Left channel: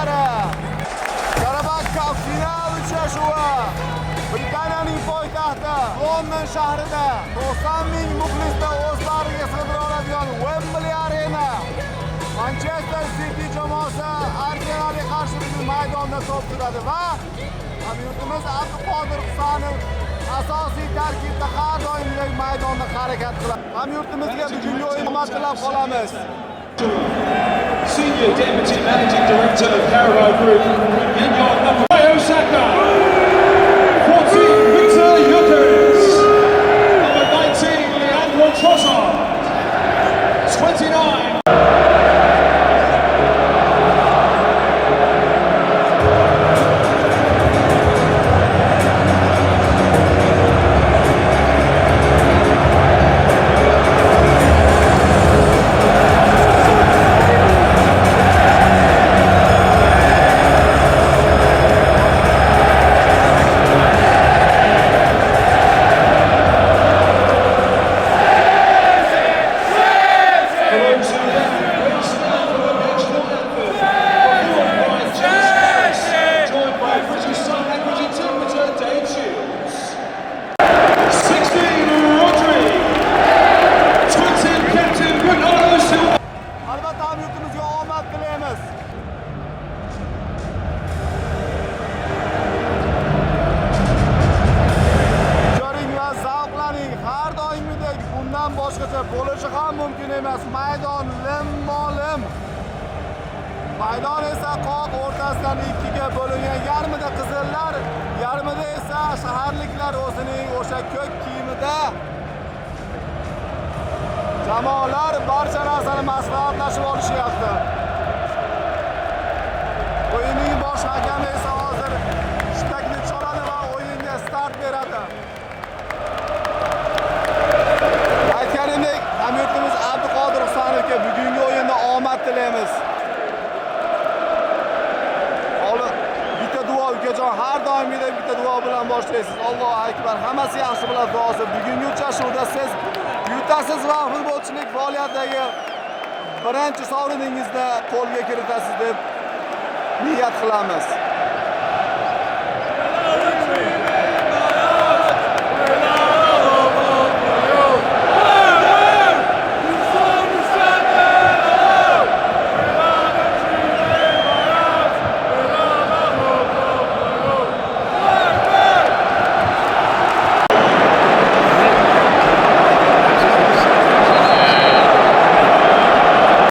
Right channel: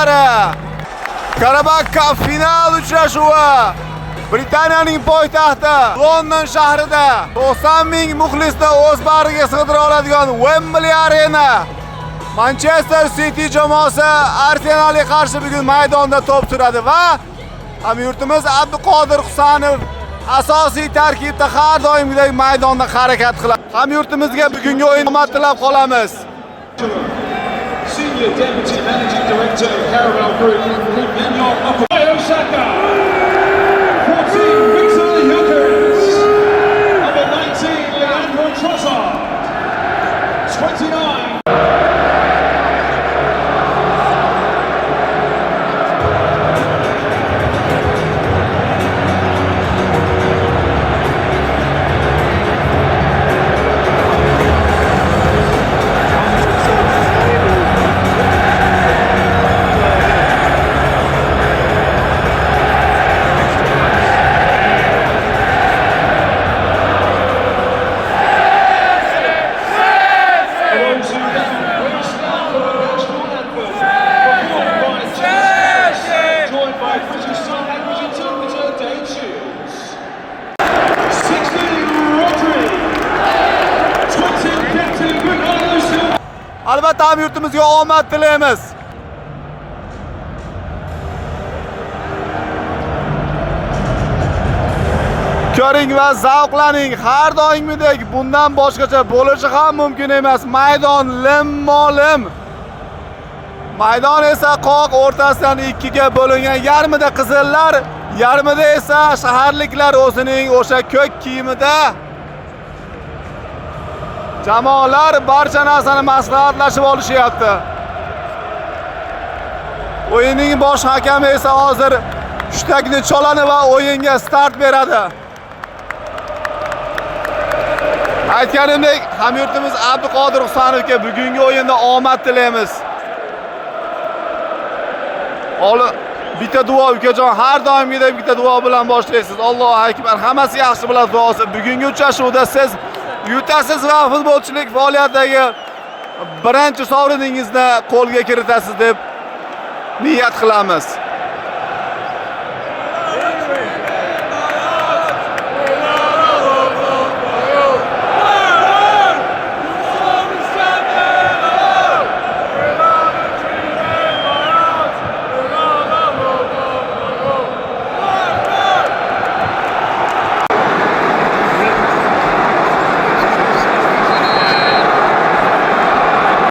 muxlislari. Qarabağ Cup final uchrashuvi Britaniyaning poytaxti London shahrida 90 ming muxlisni o'z bag'riga sig'dira oladigan Wembley Arena. Manchester City jamoasi Arsenalga qarshi bugun maydonda to'p suradi va hamyurtimiz Abduqodir Husanov asosiy tarkibda har doimgidek maydonda harakat qiladi. Hamyurtimizga bugungi o'yin omad tilab qolamiz. Senior Deputy Managing Director of Carabao Group, Osaka. 14, Victor Gyökeres. Number 19, Leandro Trossard. 29. Albatta hamyurtimizga omad tilaymiz. Ko'ring va zavqlaning, har doimgidek bundan boshqacha bo'lishi ham mumkin emas. Maydon lim-molim. Maydon esa qoq o'rtasidan ikkiga bo'lingan, yarmida qizillar, yarmida esa shaharliklar o'zining o'sha ko'k kiyimida. Jamoalar barcha narsani maslahatlashib olishyapti. O'yinning bosh hakami esa hozir hushtakni choladi va o'yinga start beradi. Aytganimdek, hamyurtimiz Abduqodir Husanovga bugungi o'yinda omad tilaymiz. Bitta duo ukajon, har doimgidek bitta duo bilan boshlaysiz. Allohu akbar. Hammasi yaxshi bo'ladi duosi. Bugungi uchrashuvda siz yutasiz va futbolchilik faoliyatidagi birinchi sovriningizni qo'lga kiritasiz deb niyat qilamiz.